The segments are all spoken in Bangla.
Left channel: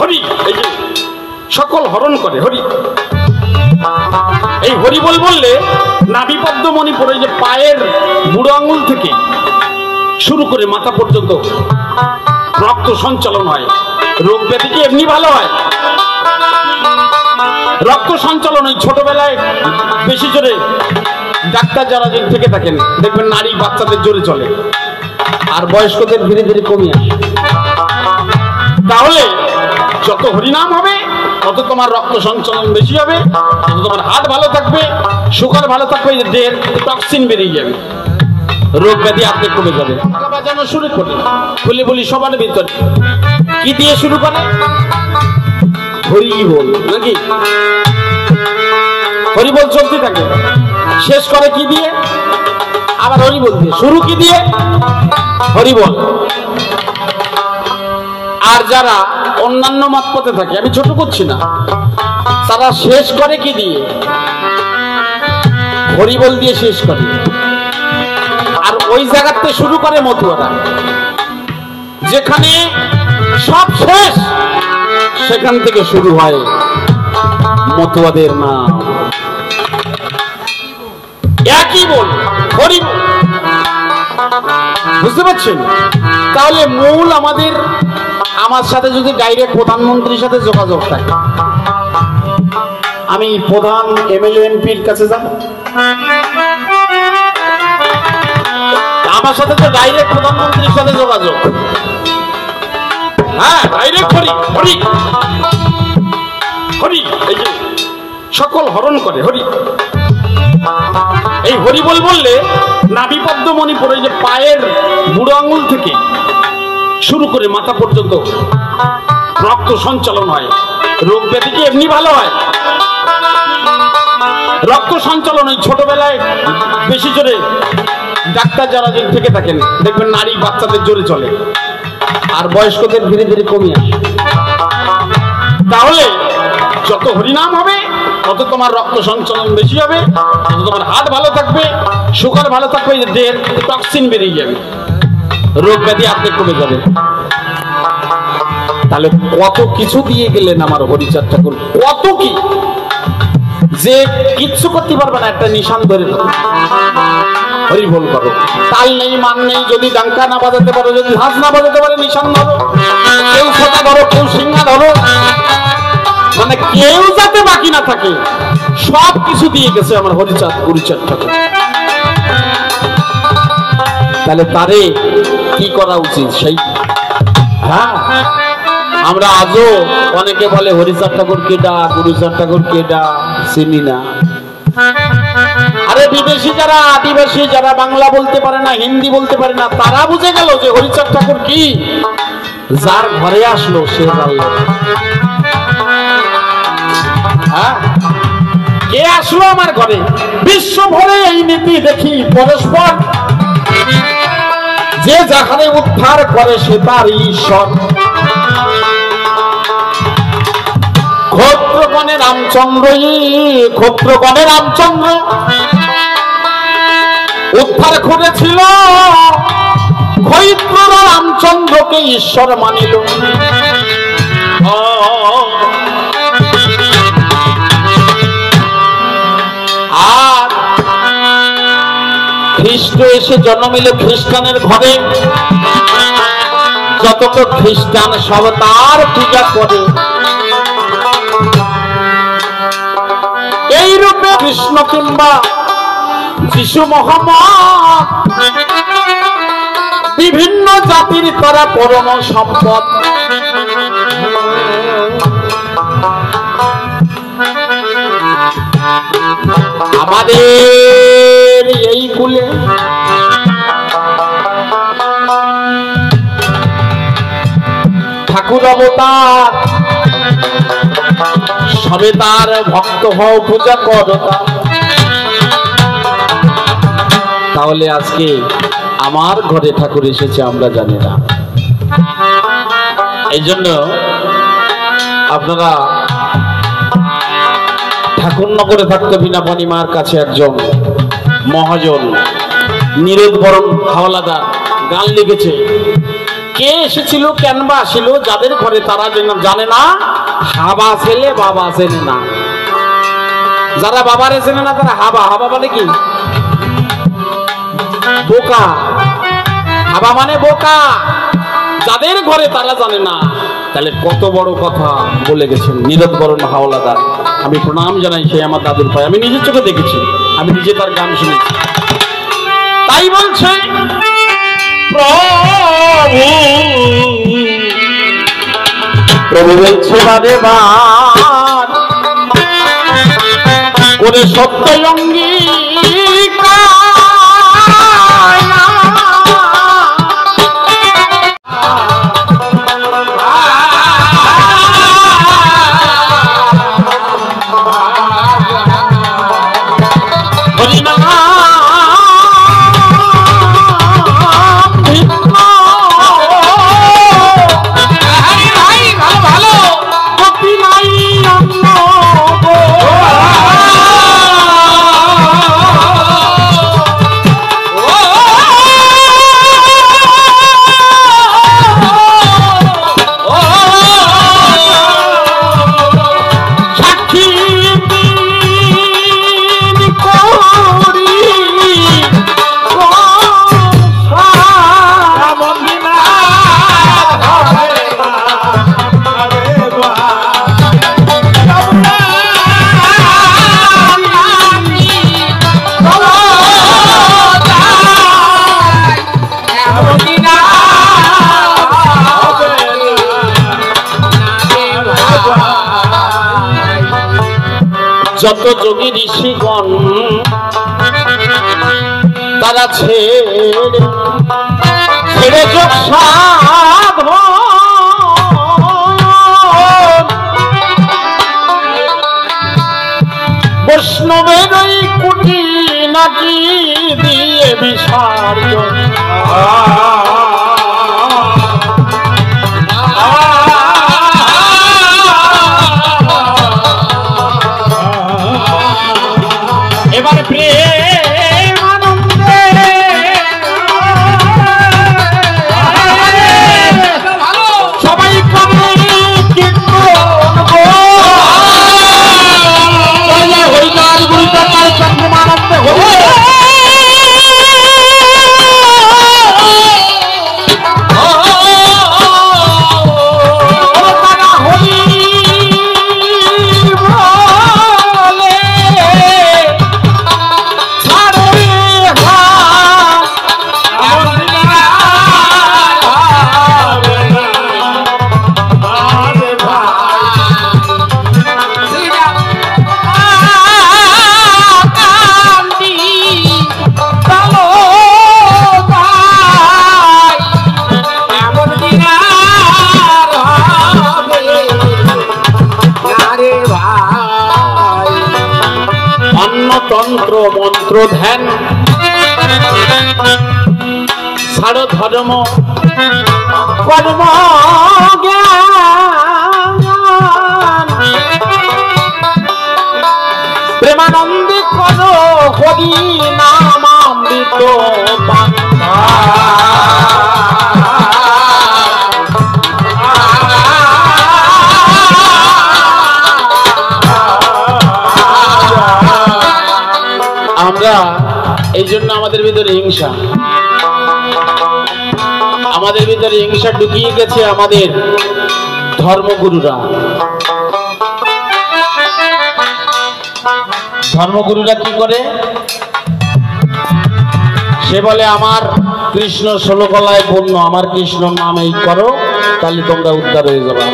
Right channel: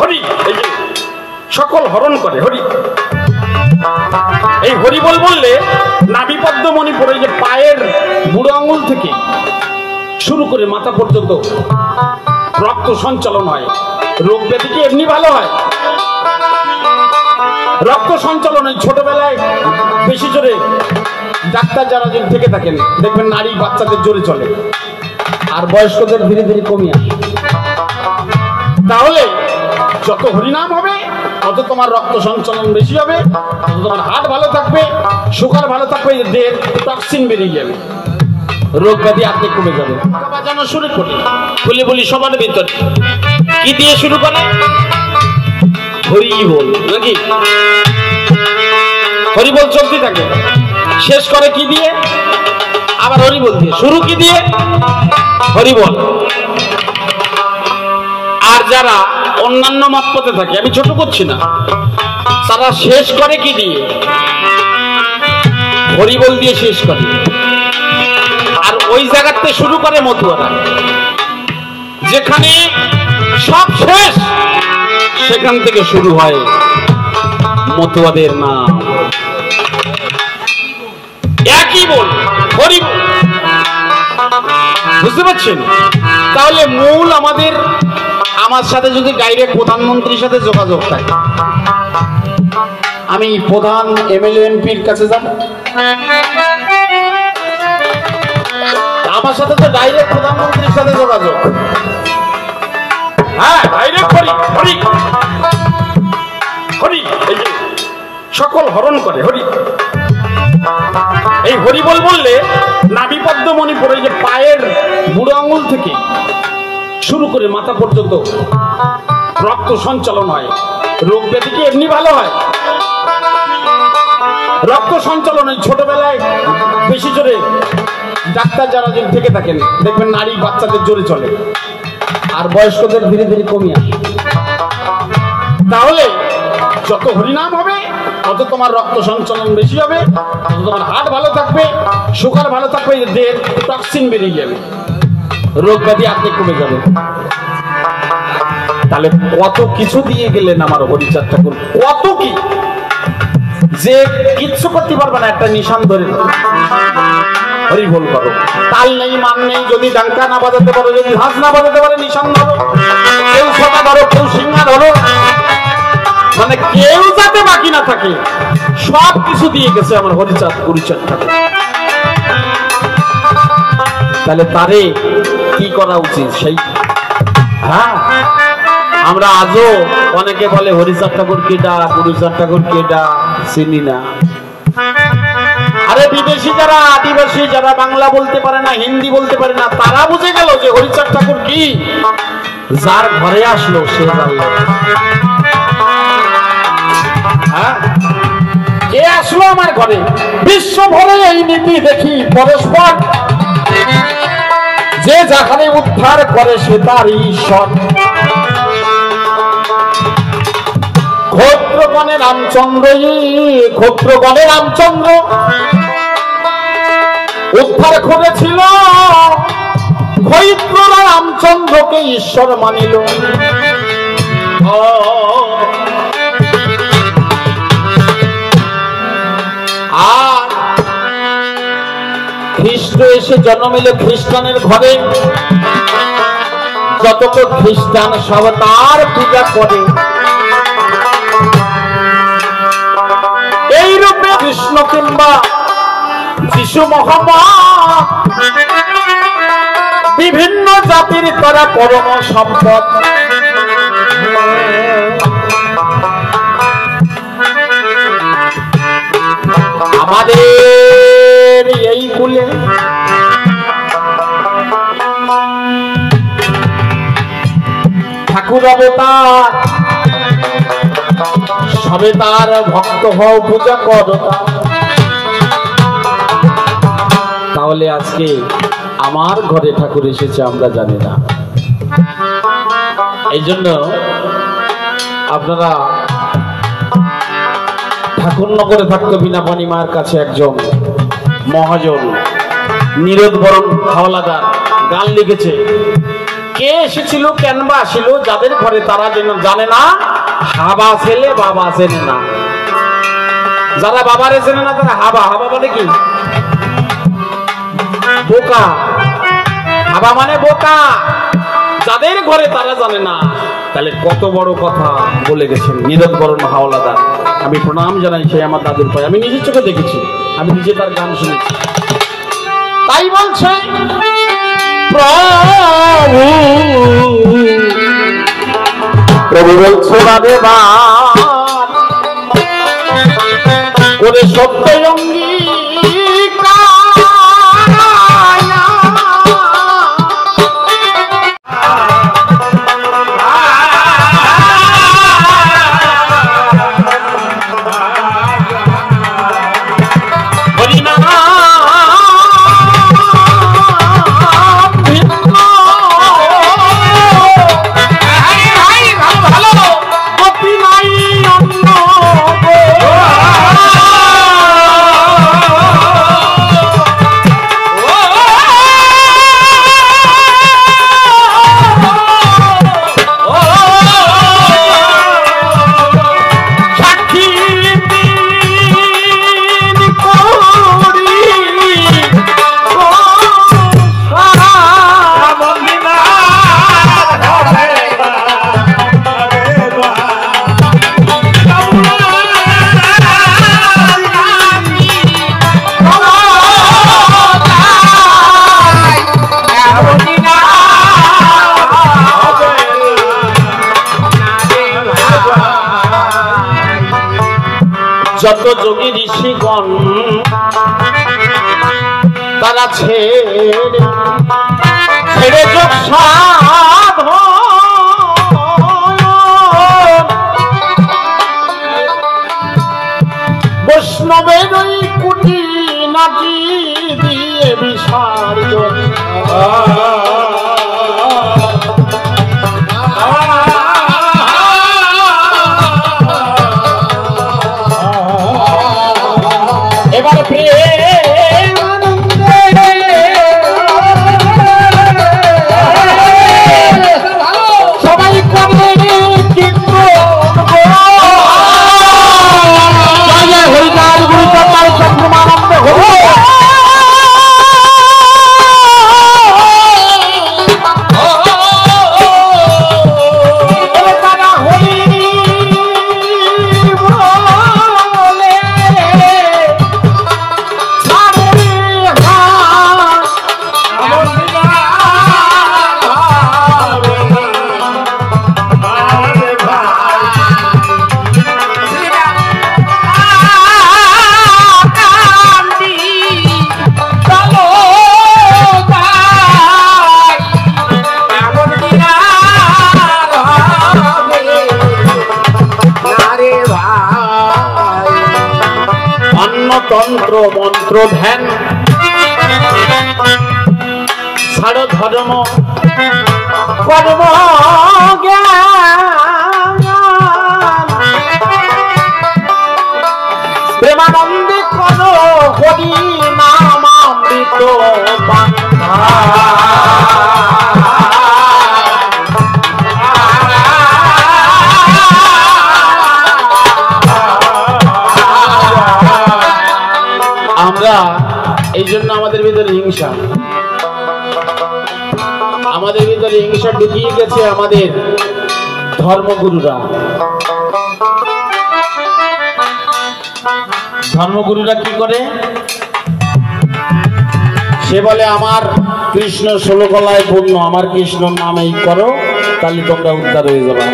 হরি এই যে সকল হরণ করে হরি। এই হরি বল বললে নাভি পদ্মমণি পরে যে পায়ের বুড়ো আঙুল থেকে শুরু করে মাথা পর্যন্ত রক্ত সঞ্চালন হয়, রোগ ব্যাধি কি এমনি ভালো হয়? রক্ত সঞ্চালন ওই ছোটবেলায় বেশি জোরে ডাক্তার যারা থেকে থাকেন দেখবেন নারী বাচ্চাদের জোরে চলে, আর বয়স্কদের ধীরে ধীরে কমিয়ে আসে। তাহলে যত হরিনাম হবে তত তোমার রক্ত সঞ্চালন বেশি হবে, তত তোমার হাত ভালো থাকবে, সুগার ভালো থাকবে, দেহের টক্সিন বেরিয়ে যাবে, রোগ ব্যাধি আর্ধেক কমে যাবে। বাজানো শুরু করি বলি বলি সবার ভিতরে কি দিয়ে শুরু করে? হরি বল নাকি? হরি বল চলতে থাকে, শেষ করে কি দিয়ে? আবার হরি বল দিয়ে। শুরু কি দিয়ে? হরি বল। আর যারা অন্যান্য মত পথে থাকে, আমি ছোট করছি না, তারা শেষ করে কি দিয়ে? হরি বল দিয়ে শেষ করে। আর ওই জায়গাতে শুরু করে মতুয়ারা, যেখানে সব শেষ সেখান থেকে শুরু হয় মতুয়াদের নাম। একই বল, হরি বল। বুঝতে পারছেন? তাহলে মূল আমার সাথে যদি ডাইরেক্ট প্রধানমন্ত্রীর সাথে যোগাযোগ থাকে, আমি প্রধান এমএলএ এমপির কাছে যাব, আমার সাথে তো ডাইরেক্ট প্রধানমন্ত্রীর সাথে যোগাযোগ। হ্যাঁ, ডাইরেক্ট হরি হরি হরি এই যে সকল হরণ করে হরি। এই হরি বল বললে নাভি পদ্মমণি পরে যে পায়ের বুড়ো আঙুল থেকে শুরু করে মাথা পর্যন্ত রক্ত সঞ্চালন হয়, রোগ ব্যাধি কি এমনি ভালো হয়? রক্ত সঞ্চালন ওই ছোটবেলায় বেশি জোরে ডাক্তার যারা থেকে থাকেন দেখবেন নারী বাচ্চাদের জোরে চলে, আর বয়স্কদের ধীরে ধীরে কমিয়ে আসে। তাহলে যত হরিনাম হবে তত তোমার রক্ত সঞ্চালন বেশি হবে, তত তোমার হাত ভালো থাকবে, সুগার ভালো থাকবে, দেহের টক্সিন বেরিয়ে যাবে, রোগ ব্যাধি আর্ধেক কমে যাবে। তাহলে কত কিছু দিয়ে গেলেন আমার হরিচাঁদ ঠাকুর, কত কি যে কিচ্ছু করতে পারবে না, একটা নিশান ধরে হরি বল করো। তাল নেই, মান নেই, যদি ডাঙ্কা না বাজাতে পারো, যদি হাত না বাজাতে পারে, নিশান ধরো, কেউ ছটা ধরো, কেউ সিংহা ধরো, মানে কেউ যাতে বাকি না থাকে, সব কিছু দিয়ে গেছে আমার হরিচাঁদ ঠাকুর। তাহলে তারে কি করা উচিত? সেই হ্যাঁ, আমরা আজও অনেকে বলে হরিচাঁদ ঠাকুর কেডা, গুরুচাঁদ ঠাকুর কেডা, চিনি না। আরে বিদেশি যারা, আদিবাসী যারা বাংলা বলতে পারে না, হিন্দি বলতে পারে না, তারা বুঝে গেল যে হরিচাঁদ ঠাকুর কি। যার ঘরে আসলো সে জানলো। কে আসলো আমার ঘরে? বিশ্ব ভরে এই নীতি দেখি পরস্পর, যে যাখানে উদ্ধার করে সে তার ঈশ্বর। ক্ষত্রগণে রামচন্দ্র, ক্ষত্রগণে রামচন্দ্র উদ্ধার করেছিল, ক্ষত্ররা রামচন্দ্রকে ঈশ্বর মানিল। আর খ্রিস্ট এসে জন্ম নিল খ্রিস্টানের ঘরে, যতক্ষণ খ্রিস্টান সব তার পূজা করে। এই রূপে কৃষ্ণ কিংবা যিশু মোহাম্মদ বিভিন্ন জাতির তারা পরম সম্পদ। আমাদের এই কুলে ঠাকুর অবতার, সবে তার ভক্ত হও, পূজা করো। তাহলে আজকে আমার ঘরে ঠাকুর এসেছে আমরা জানি না। এই জন্য আপনারা ঠাকুরনগরে থাকতে বিনাপানি মার কাছে একজন মহাজন নীরদ বরণ হাওলাদার গান লিখেছে, কে এসেছিল কেন বা আসিল, যাদের ঘরে তারা যেন জানে না, হাবা ছেলে বাবা চেনে না। যারা বাবারে চেনে না তারা হাবা। হাবা মানে কি? বোকা। হাবা মানে বোকা। যাদের ঘরে তারা জানে না। তাহলে কত বড় কথা বলে গেছেন নীরদবরণ হাওলাদার। আমি প্রণাম জানাই সেই আমার দাদুর পায়ে, আমি নিজের চোখে দেখেছি, আমি নিজে তার গান শুনেছি। তাই বলছে প্রভু বলছে বারে বার করে সত্য অঙ্গীকার যত যোগী ঋষিগণ তারা ছেড়ে যোগ সাধন বৈষ্ণবের কুটি নাকি দিয়ে বিসর্জন এবার প্রেম আনন্দে সবাই করে হরিকার গুরুচন্দ্র চন্দ্রমানন্দ হরি তন্ত্র মন্ত্র ধ্যান ছাড় ধর্ম কর্ম প্রেমানন্দে কোন হরি নামামৃত আমরা এই জন্য আমাদের ভিতরে হিংসা, আমাদের ভিতরে হিংসা ঢুকিয়ে গেছে আমাদের ধর্মগুরুরা। ধর্মগুরুরা কি করে? সে বলে আমার কৃষ্ণ 16 গলায় পূর্ণ, আমার কৃষ্ণ নামেই করো তাহলে তোমরা উদ্ধার হয়ে যাবে।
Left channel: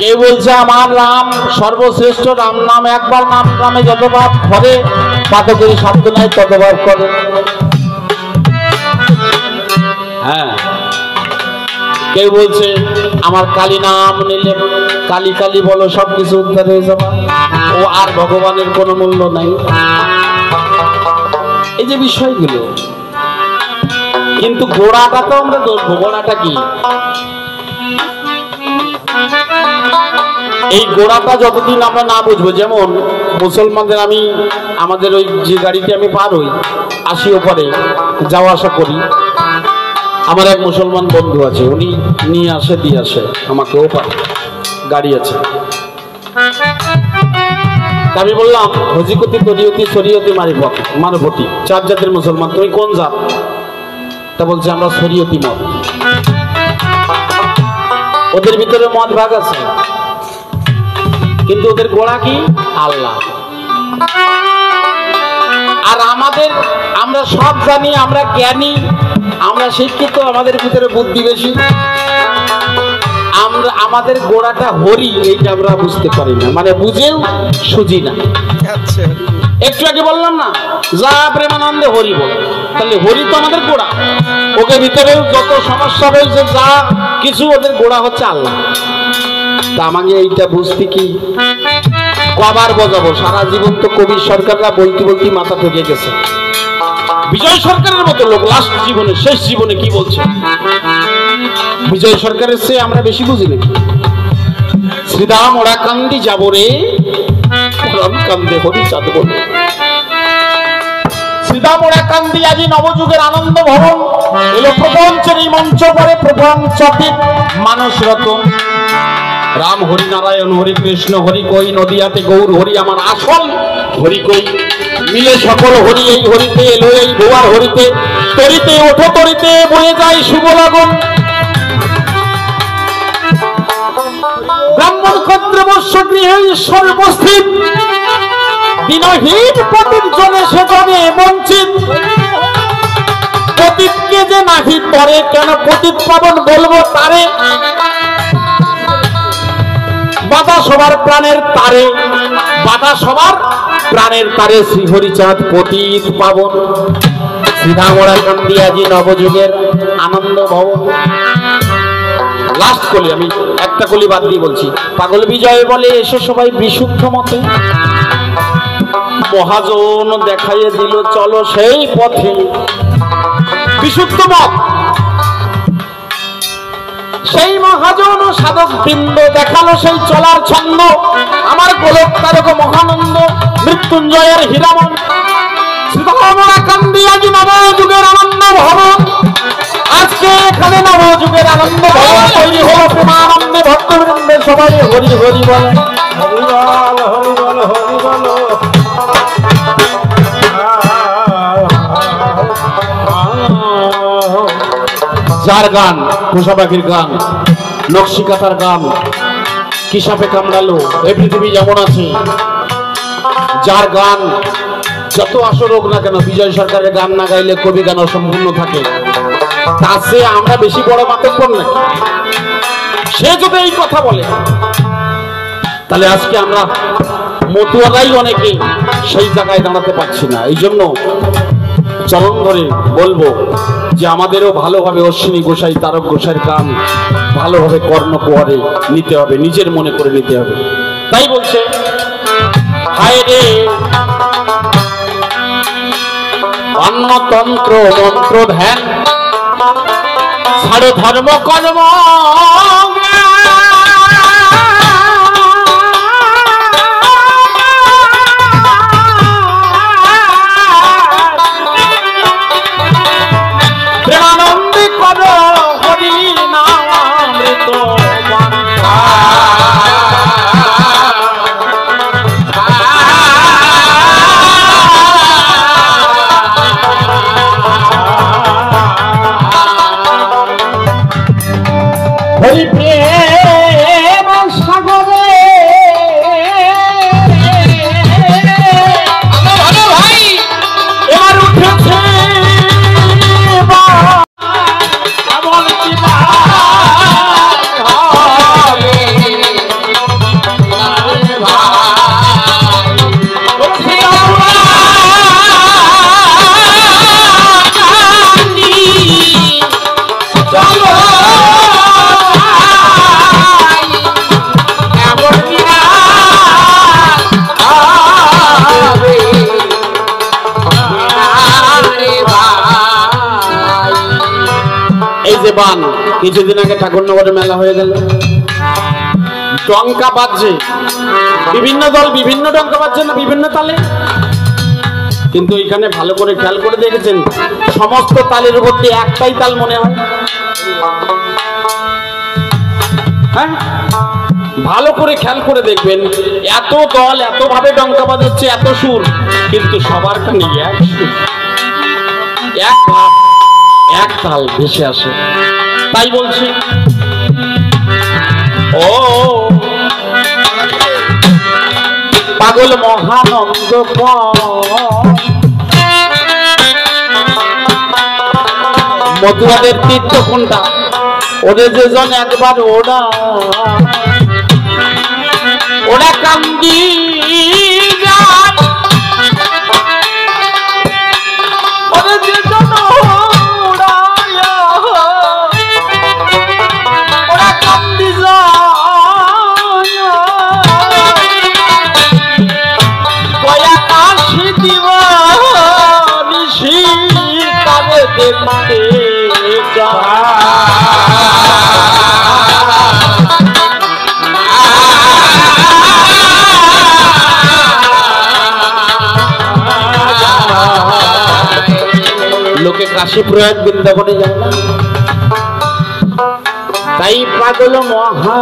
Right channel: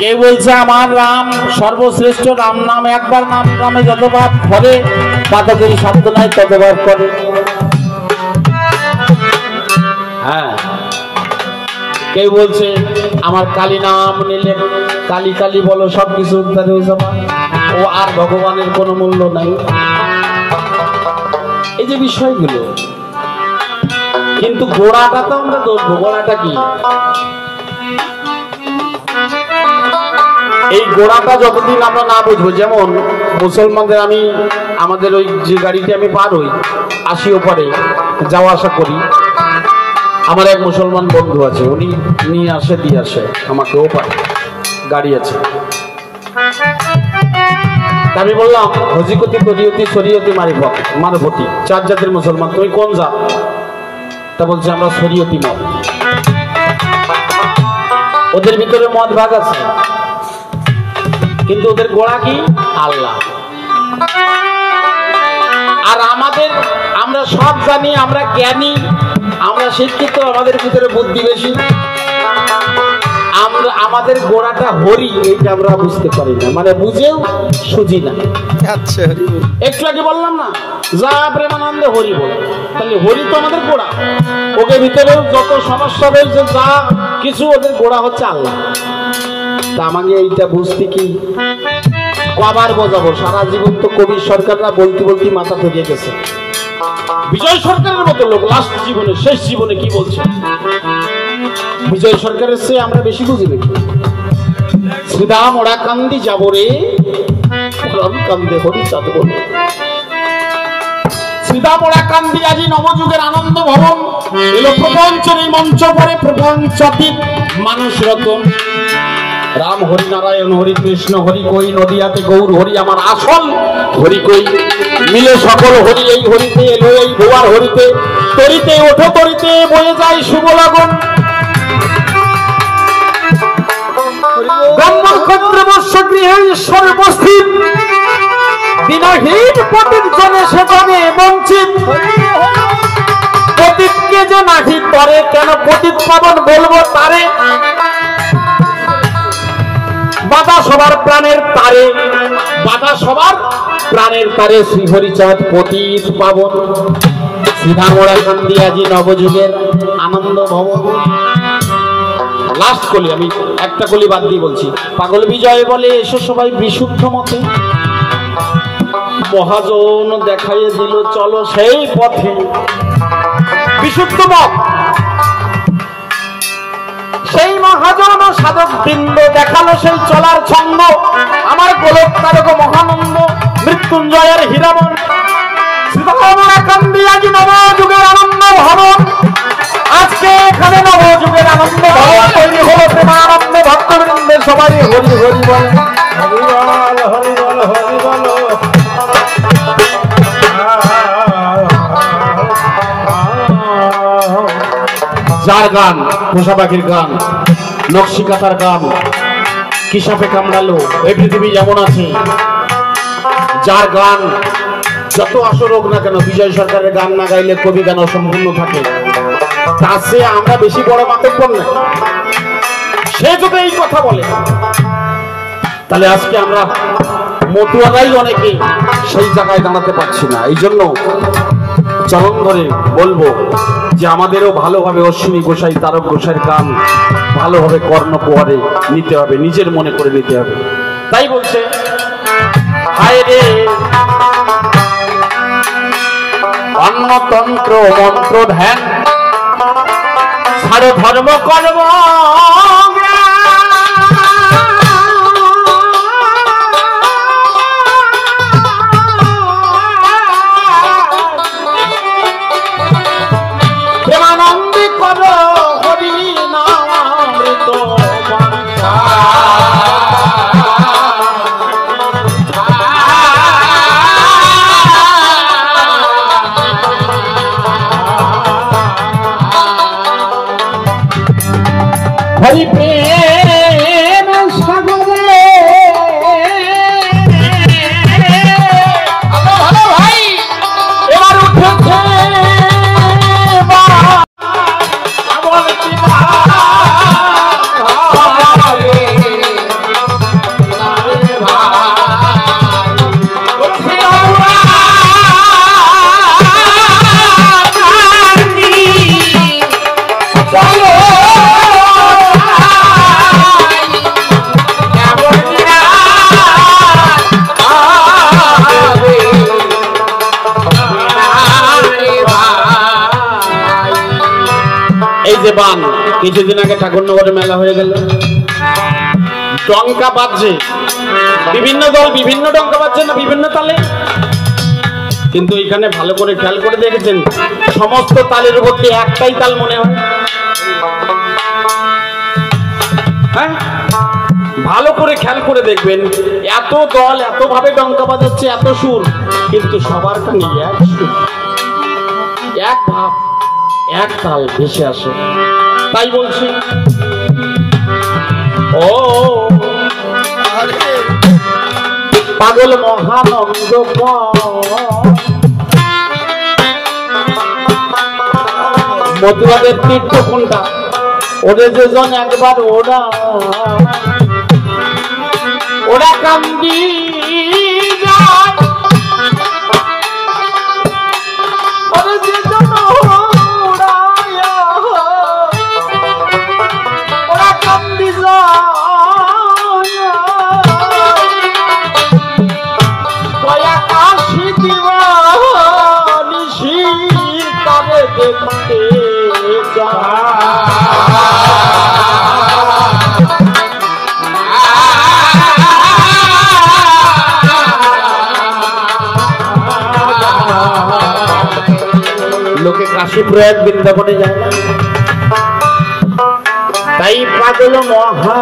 কেউ বলছে আমার রাম সর্বশ্রেষ্ঠ, রাম নাম একবার নাম নামে যত ভাব করে পাতকের শব্দ নাই তত ভাব করে। হ্যাঁ, কেউ বলছে আমার কালী নাম নিলে কালী কালী বলো সবকিছু উদ্ধার হয়ে যাবে, ও আর ভগবানের কোনো মূল্য নাই। এই যে বিষয়গুলো, কিন্তু গোড়াটা তো আমরা ধরবো। গোড়াটা কি? এই গোড়াটা যতদিন আমরা না বুঝবো, যেমন মুসলমানদের আমি আমাদের ওই যে গাড়িতে আমি পার হই, আসি ওপারে যাওয়া আসা করি, আমার এক মুসলমান বন্ধু আছে, উনি নিয়ে আসে দিয়ে আসে, আমাকেও পারে, গাড়ি আছে। আমি বললাম হজিকতি তরিয়তি শরীয়তি মারফতি 4 জাতের মুসলমান, তুমি কোন জাত? তা বলছে আমরা শরীয়তি মত। ওদের ভিতরে মত ভাগ আছে, কিন্তু ওদের গোড়া কি? আল্লাহ। আর আমরা সব জানি, আমরা জ্ঞানী, আমরা শিক্ষিত, আমাদের ভিতরে বুদ্ধি বেশি, আমাদের গোড়াটা হরি, এইটা আমরা বুঝতে পারি না, মানে বুঝেও সুঝি না। আচ্ছা, একটু আগে বললাম না, যা প্রেমানন্দে হরি বল, তাহলে হরি তো আমাদের গোড়া। ওকে ভিতরেও যত সমস্যা রয়েছে, যা কিছু, ওদের গোড়া হচ্ছে আল্লাহ। তা আমাকে এইটা বুঝতে কি কবার বোঝাবো? সারা জীবন তো কবির সরকাররা বলতে বলতে মাথা ঠেকে গেছে। বিজয় সরকারের মতো লোক লাস্ট জীবনে, শেষ জীবনে কি বলছে? বিজয় সরকারের চেয়ে আমরা বেশি বুঝি নাকি? শ্রীদাম ওরা কান্দি যাব রে, কান্দে হরি চাঁদ বলে। শ্রীদাম ওরা কান্দি আজি নবযুগের আনন্দ ভবন, এলো প্রপঞ্চের এই মঞ্চ পরে প্রপঞ্চবিদ মানুষ রতন। রাম হরি নারায়ণ হরি কৃষ্ণ হরি কই, নদিয়াতে গৌর হরি আমার আসল হরি কই, মিলে সকল হরি এই হরিতে, এলো এই ভুয়ার হরিতে, তরিতে ওঠো তরিতে বয়ে যায় শুভ লগন। ব্রাহ্মণ ক্ষত্রিয় বৈশ্য গৃহে ঈশ্বর উপস্থিত, দিনহীন পতিত জনে সে জনে বঞ্চিত। পতিতকে যে নাহি তরে, কেন পতিত পাবন বলবো তারে। বাধা সবার প্রাণের তারে, বাধা সবার প্রাণের তারে, শ্রী হরিচাঁদ পতিত পাবন। শ্রীধামরা কন্ডিয়াজি নবযুগের আনন্দ ভবন। লাস্ট কলি, আমি একটা কলি বাদ দিয়ে বলছি। পাগল বিজয় বলে এসে সবাই বিশুদ্ধ মতে, মহাজন দেখাইয়ে দিল চলো সেই পথে। বিশুদ্ধ মত, সেই মহাজন সাধক বৃন্দ দেখালো সেই চলার ছন্দ। আমার গোলক তারক মহানন্দ মৃত্যুঞ্জয়ের হীরামন। শ্রীধামরা কান্দিয়াজি নবযুগের আনন্দ ভবন। আজকে এখানে নবযুগের আনন্দ ভবন তৈরি হলো প্রেমানন্দে, ভক্তবৃন্দে সবাই হরি হরি বলে। হরি বল হরি বল হরি বল। যার গান পোষা পাখির গান, নকশি কাঁথার গান, কি সাপে কামড়ালো, এই পৃথিবী যেমন আছে, যার গান যত আসর হোক না কেন, বিজয় সরকারের গান না গাইলে কবি গান অসম্পূর্ণ থাকে। তার চেয়ে আমরা বেশি বড় মাতব্বর না। সে যদি এই কথা বলে, তাহলে আজকে আমরা মতুয়ারাই অনেকে সেই জায়গায় দাঁড়াতে পারছি না। এই জন্য চরণ ধরে বলবো যে আমাদেরও ভালোভাবে অশ্বিনী গোসাই, তারক গোসাইয়ের গান ভালোভাবে কর্ণকুহরে নিতে হবে, নিজের মনে করে নিতে হবে। তাই বলছে, হায় রে অন্নতন্ত্র মন্ত্র ধ্যান, ছাড়ো ধর্ম কর্ম, প্রেমানন্দী করো হরি নামৃত। হরি প্রেম সাগরে ভাই এবার উঠেছে এই যে বান, কিছুদিন আগে ঠাকুরনগরে মেলা হয়ে গেল, ডঙ্কা বাজছে, বিভিন্ন দল বিভিন্ন ডঙ্কা বাজছে না বিভিন্ন তালে। কিন্তু এখানে ভালো করে খেয়াল করে দেখেছেন, সমস্ত তালের উপর একটাই তাল মনে হয়। হ্যাঁ, ভালো করে খেয়াল করে দেখবেন, এত দল এত ভাবে ডঙ্কা বাজাচ্ছে, এত সুর, কিন্তু সবার কানে এক সুর, এক ভাব, এক তাল ভেসে আসে। তাই বলছি, ও পাগল মহানন্দ মধুয়াদের তীর্থ কোনটা, ওরে যেজন একবার ওরা কান্দি যায়, ওরে যেজন ওরা কান্দি যায়, দয়া কাশি দিবা নিশি তবে দেখতে লোকে কাশী প্রয়াগ বৃন্দাবনে যায় না, তাই পাগল মহানন্দ